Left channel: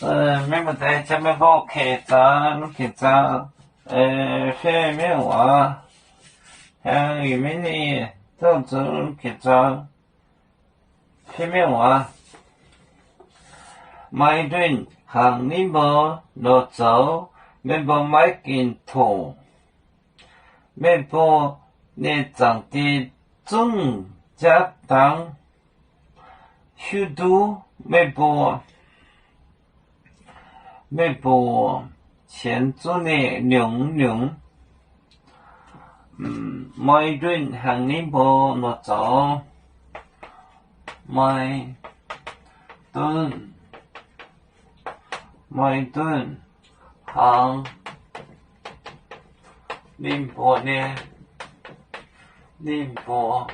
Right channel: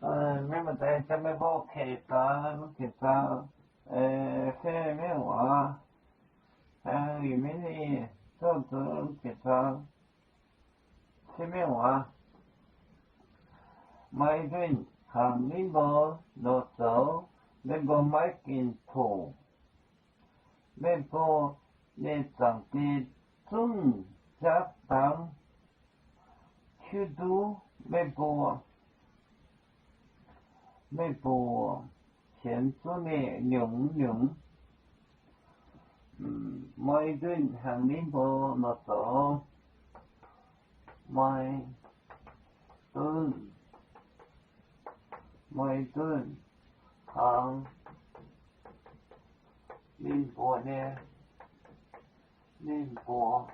没么在前面帮我开张，下面我，像玉米呢，都做开张，下面我，买顿行你无落走，没无买件土，没无你长的种家当，许多没无。没播前做的娘，每顿行你播落走，每顿行你播呢，你播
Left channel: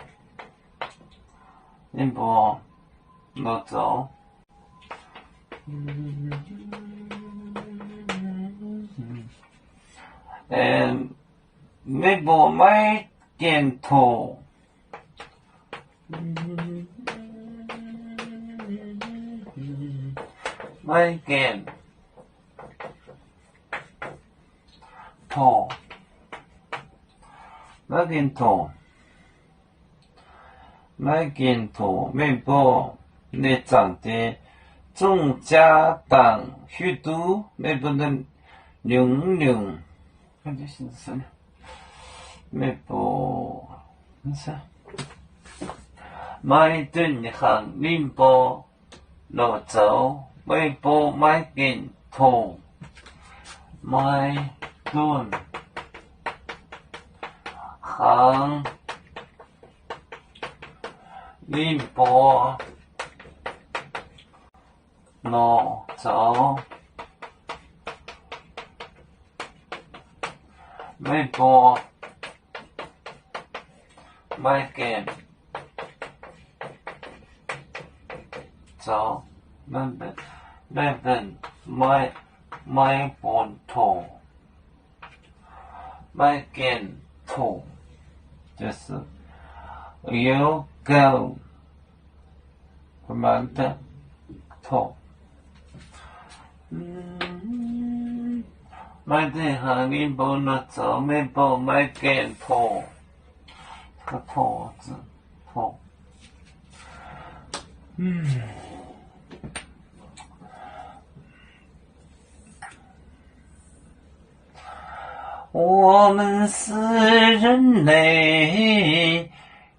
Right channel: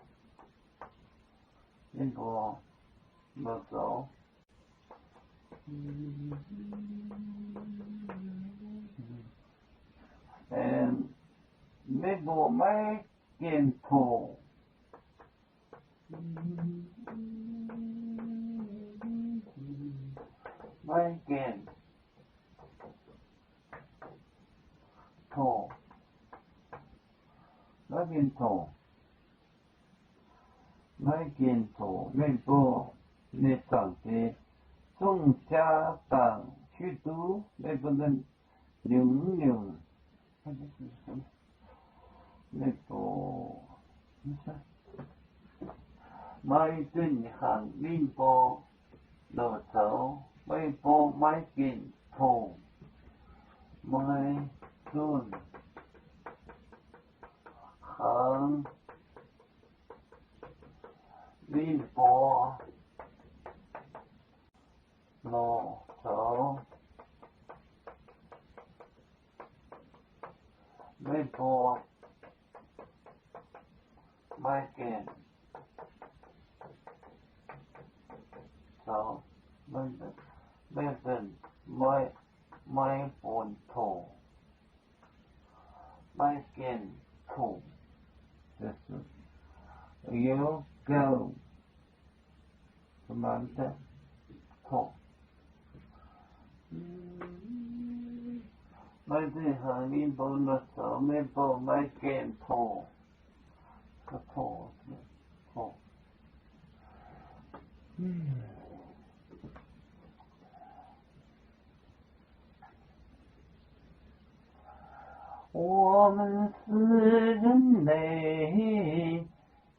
落走。没不买点头，买件头，没不你长的种家当许多，没不能娘，看这是什么？没不，啥？买顿行林波落走，没不买件头，买顿行林波落走，没不。买件走，买本土，买件土，就是有够什么的土。买的行你不能走，没不买件土。个头字头，我们是人类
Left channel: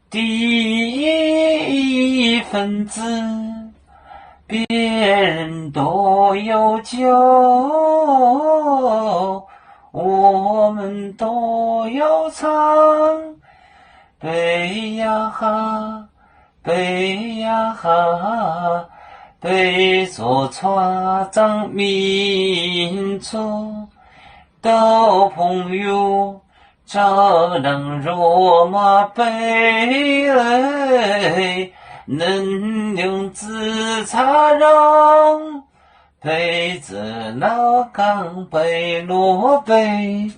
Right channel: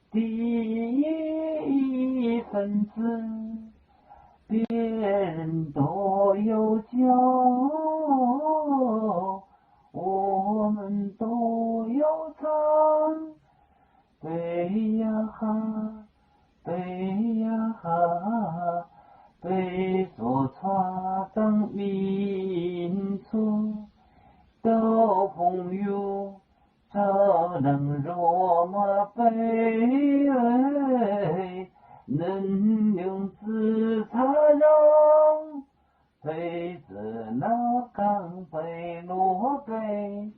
第一分子，别人都有救，我们都要唱。背呀哈，背着船长民族的朋友，照亮罗马背，能用自擦让，背着那钢背罗背。